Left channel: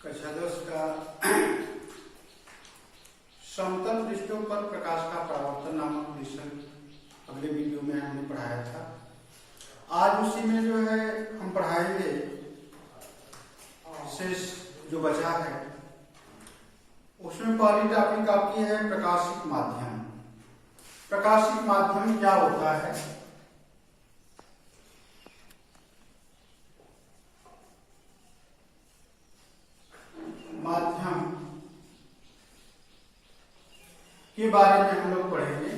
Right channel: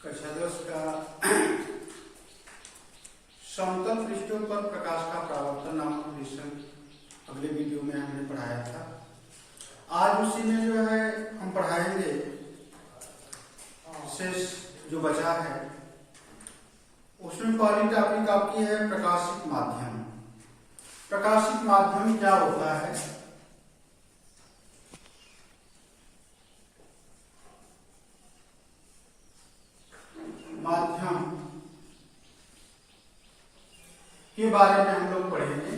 कक्षा 10 का समतल पृष्ठों पर प्रकाश का परावर्तन नामक विषय अगले वीडियो में हमने पढ़ाया था। आज उसी में जो है हम पढ़ाएंगे शेष जो बचा है उसमें पहली टॉपिक आपकी है प्रकाशिक माध्यम। प्रकाशिक माध्यम क्या होता है? माध्यम के बारे में हम लोग पढ़ेंगे।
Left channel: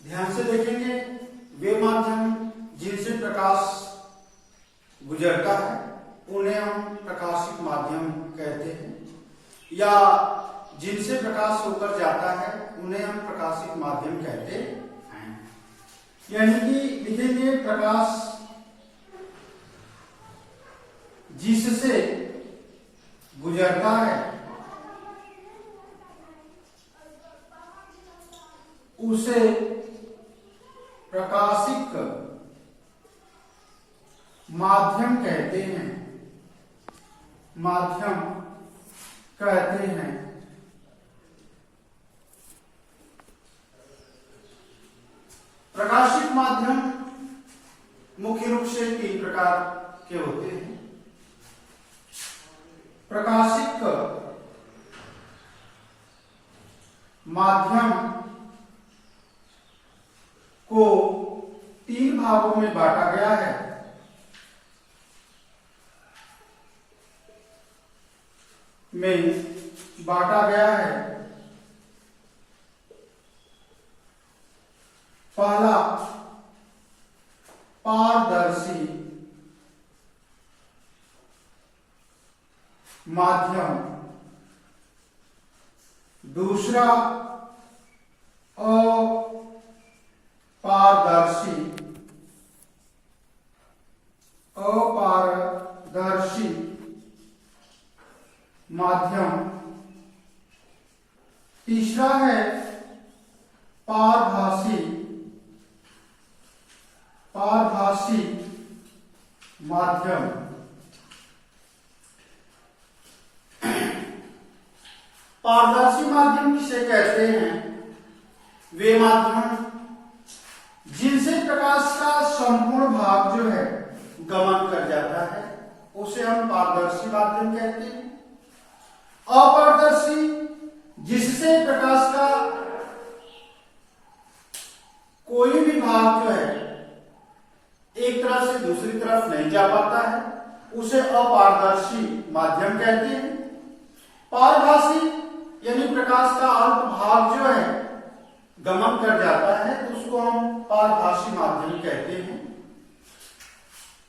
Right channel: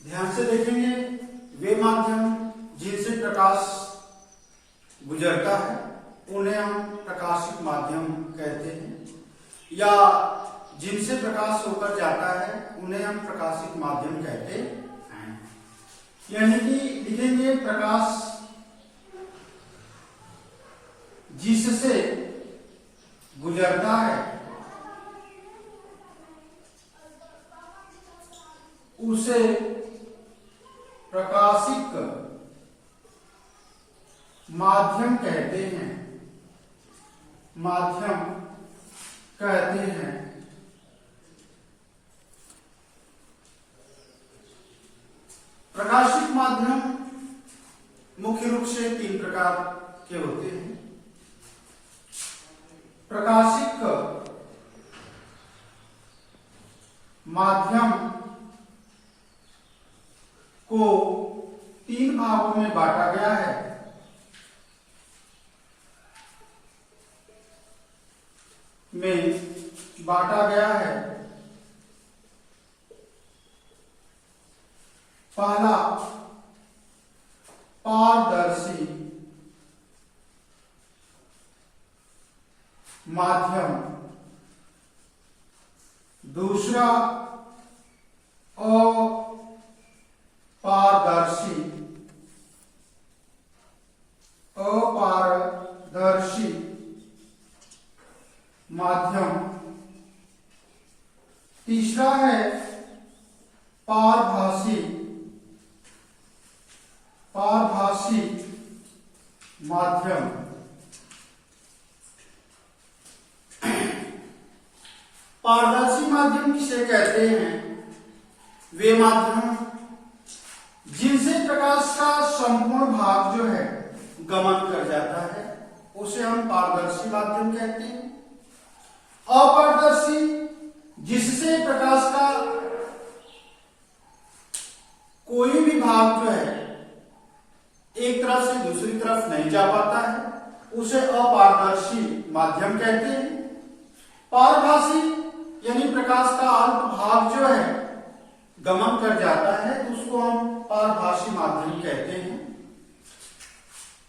ध्यान से देखेंगे। वे माध्यम जिनसे प्रकाश गुजरता है उन्हें हम प्रकाशिक माध्यम कहते हैं, या जिनसे प्रकाश होकर जाता है उन्हें हम प्रकाशिक माध्यम कहते हैं। यानी कि लिखेंगे प्रकाश जिससे गुजरता है उसे प्रकाशिक माध्यम कहते हैं। माध्यम कहते हैं। प्रकाशिक माध्यम मुख्य रूप से 3 प्रकार के होते हैं। प्रकाशिक माध्यम को 3 भागों में बांटा गया है। पहला पारदर्शी माध्यम, दूसरा अपारदर्शी माध्यम, तीसरा है पारभासी माध्यम। पारदर्शी माध्यम किसे कहते हैं? वे माध्यम जिनसे प्रकाश का संपूर्ण भाग जो है गमन कर जाता है उसे हम पारदर्शी माध्यम कहते हैं। अपारदर्शी जिससे प्रकाश का कोई भी भाग जो है एक तरफ से दूसरी तरफ नहीं जा पाता है उसे अपारदर्शी माध्यम कहते हैं। पारभासी यानी प्रकाश का अल्प भाग जो है गमन कर जाता है तो उसको हम पारभासी माध्यम कहते हैं।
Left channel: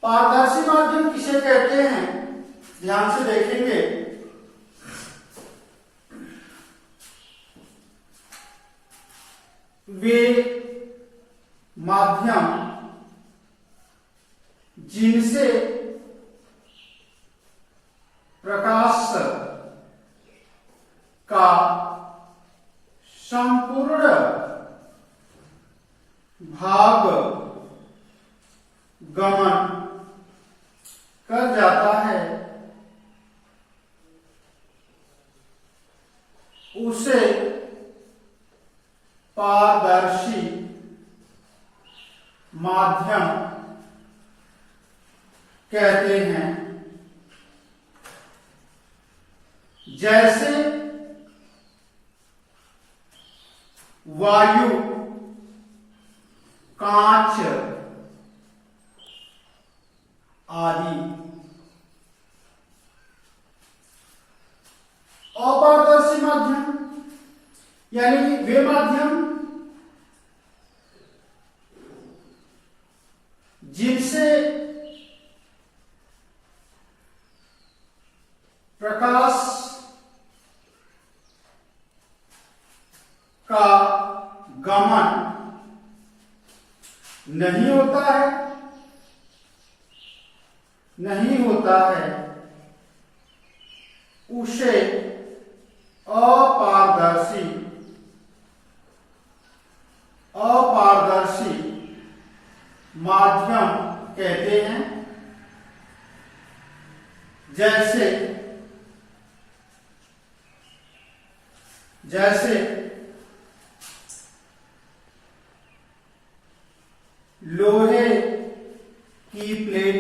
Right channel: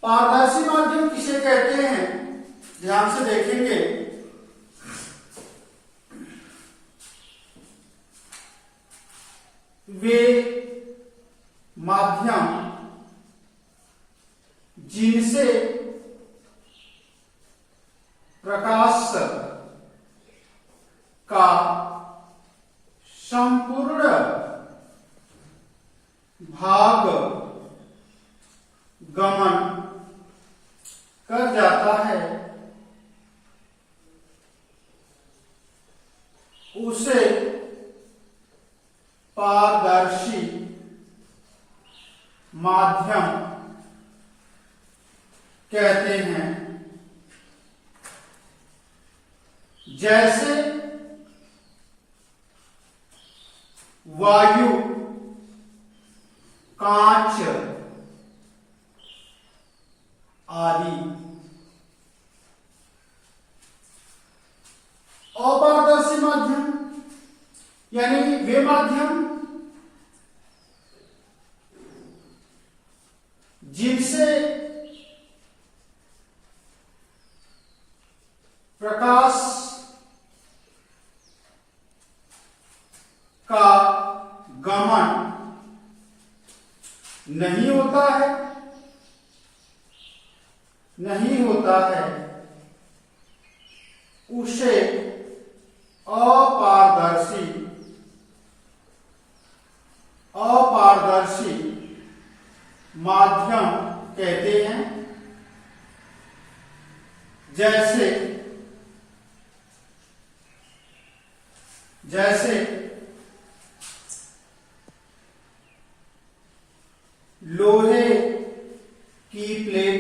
पारदर्शी माध्यम किसे कहते हैं? ध्यान से देखेंगे। वे माध्यम जिनसे प्रकाश का संपूर्ण भाग गमन कर जाता है उसे पारदर्शी माध्यम कहते हैं। जैसे वायु, कांच आदि। अपारदर्शी माध्यम यानी वे माध्यम जिनसे प्रकाश का गमन नहीं होता है उसे अपारदर्शी माध्यम कहते हैं। जैसे जैसे लोहे की प्लेट,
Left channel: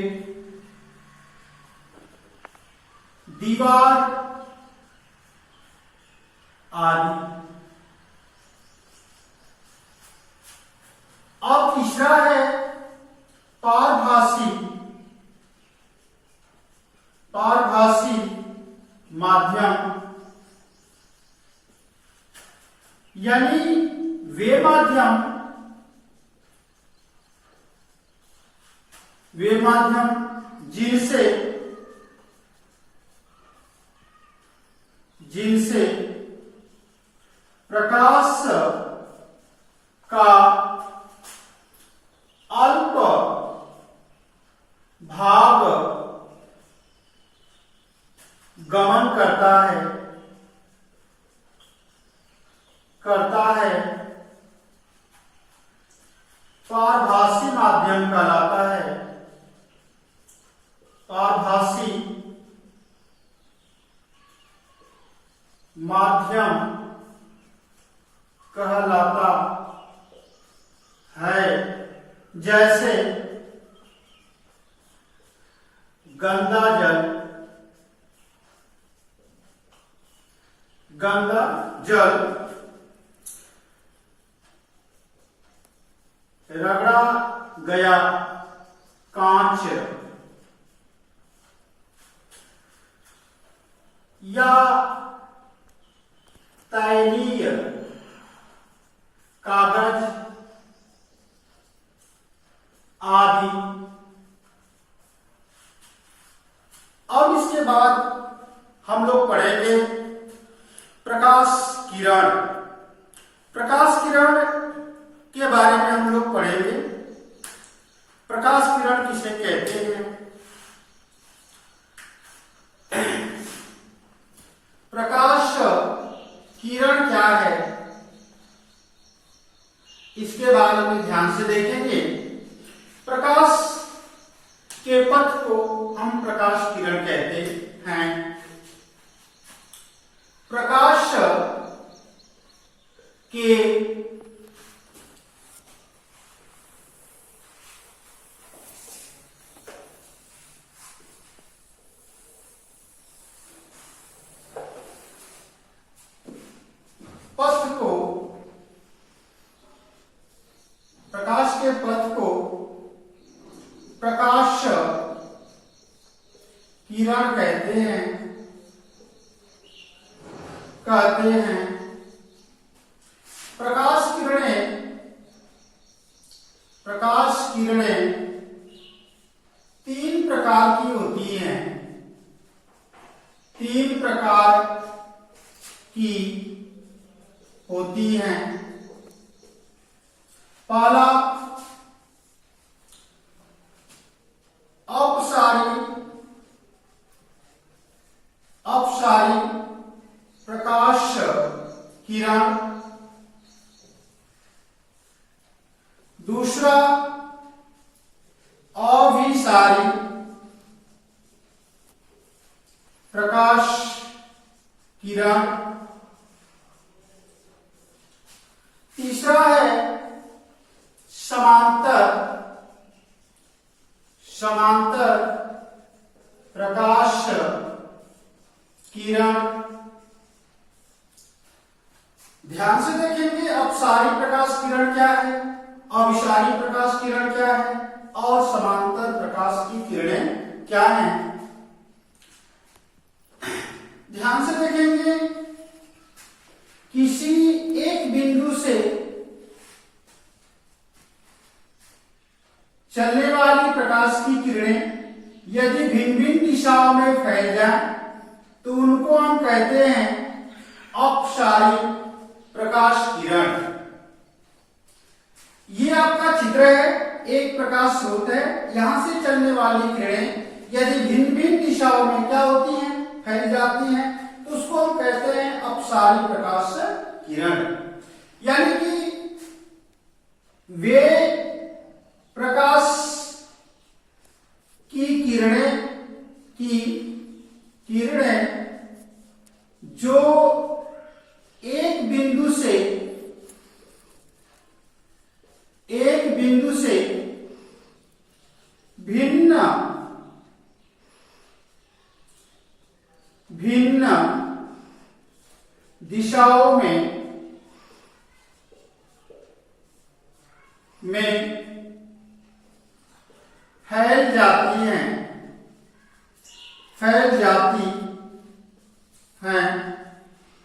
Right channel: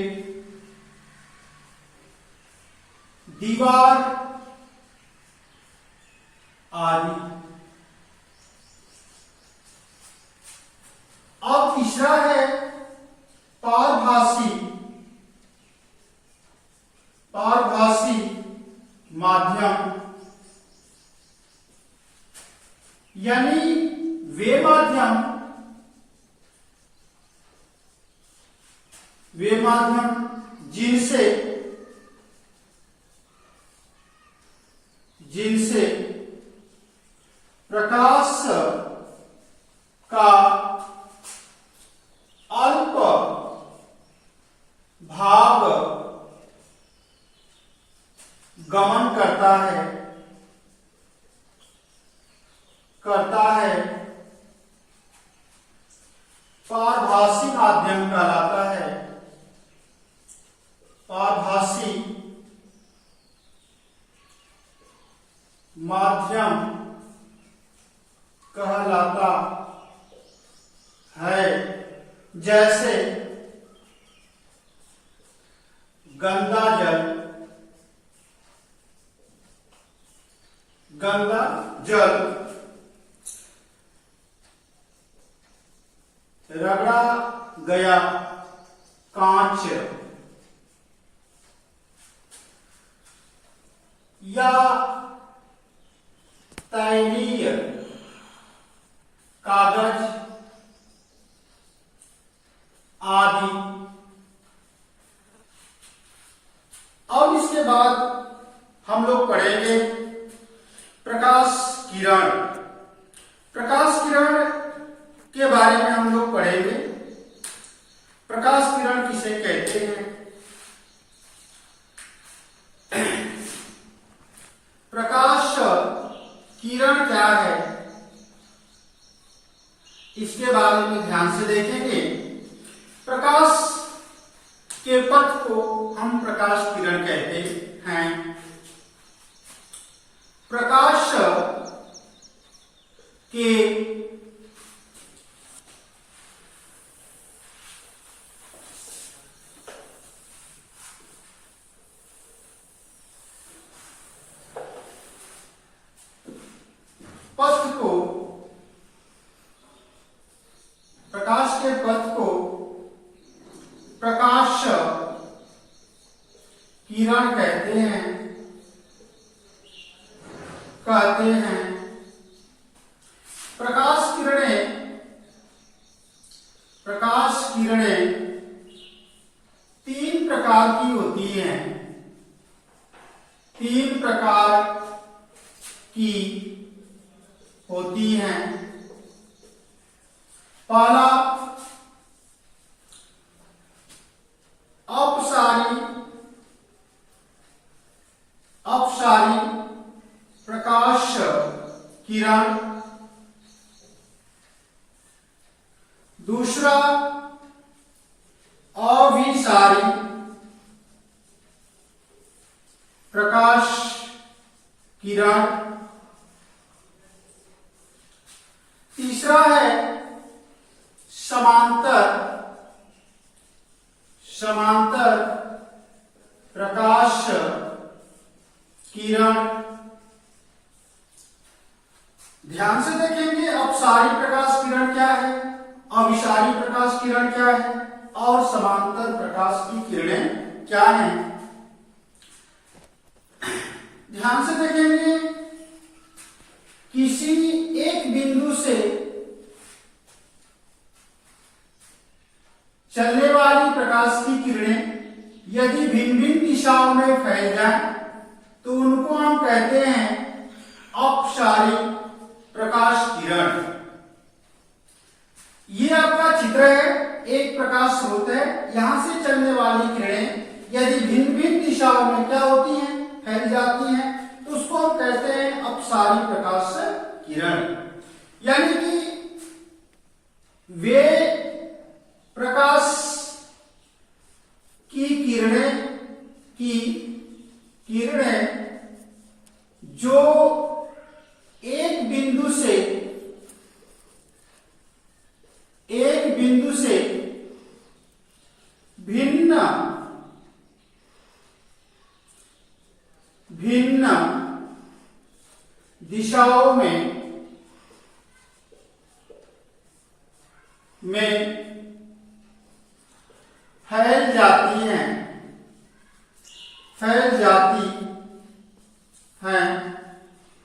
दीवार आदि। अब तीसरा है पारभासी माध्यम, यानी वे माध्यम जिनसे प्रकाश का अल्प भाग गमन करता है पारभासी माध्यम कहलाता है। पारभासी माध्यम कहलाता है। जैसे गंगा जल रगड़ा गया कांच या तैलीय कागज आदि। अब इसके बाद हम लोग पढ़ेंगे प्रकाश किरण। प्रकाश किरण के बारे में हम लोग पढ़ेंगे। प्रकाश किरण किसे कहते हैं, प्रकाश किरण क्या है, इसके बारे में ध्यान से देखेंगे। प्रकाश के पथ को हम प्रकाश किरण कहते हैं। प्रकाश के पथ को प्रकाश किरण कहते हैं। प्रकाश किरणें तीन प्रकार की होती हैं। पहला अपसारी प्रकाश किरण, दूसरा अभिसारी प्रकाश किरण, तीसरा है समांतर प्रकाश किरण। ध्यान से देखेंगे अपसारी प्रकाश किरण क्या है, अभिसारी प्रकाश किरण क्या है और समांतर प्रकाश की किरणें क्या हैं। ध्यान से देखेंगे, किसी एक बिंदु से चलने वाली प्रकाश की किरणें यदि भिन्न भिन्न दिशाओं में फैल जाएं तो उनको हम कहते हैं अपसारी प्रकाश किरण। ये आपका चित्र है, एक प्रकाश स्रोत है, यहां से चलने वाली किरणें यदि भिन्न भिन्न दिशाओं में क्या होती हैं, फैल जाती हैं, तो उसको हम कहते हैं अपसारी प्रकाश किरण। यानी कि वे प्रकाश की किरणें की किरणें जो एक बिंदु से भिन्न दिशाओं में फैल जाती हैं,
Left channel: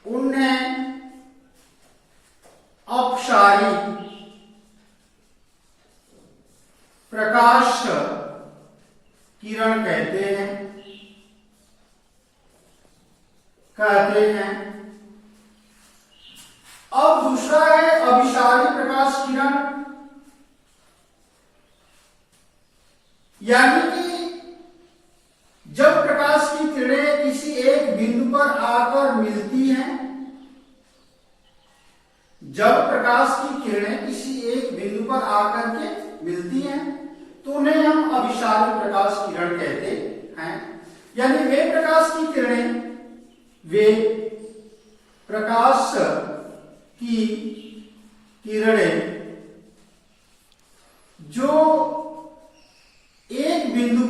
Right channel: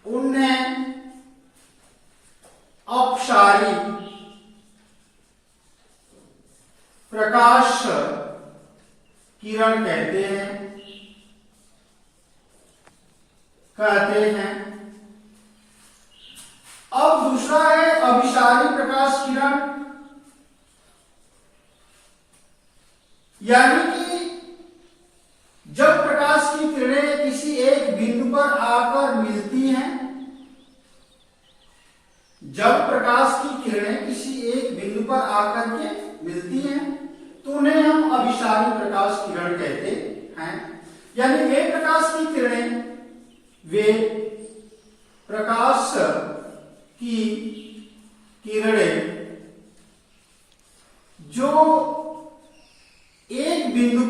उन्हें अपसारी प्रकाश किरण कहते हैं। अब दूसरा है अभिसारी प्रकाश किरण, यानी कि जब प्रकाश की किरणें किसी एक बिंदु पर आकर मिलती हैं, तो उन्हें हम अभिसारी प्रकाश किरण कहते हैं। यानी वे प्रकाश की किरणें जो एक बिंदु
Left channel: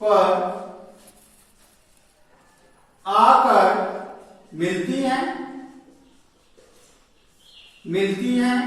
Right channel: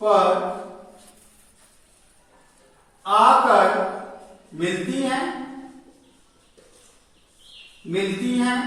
पर आकर मिलती हैं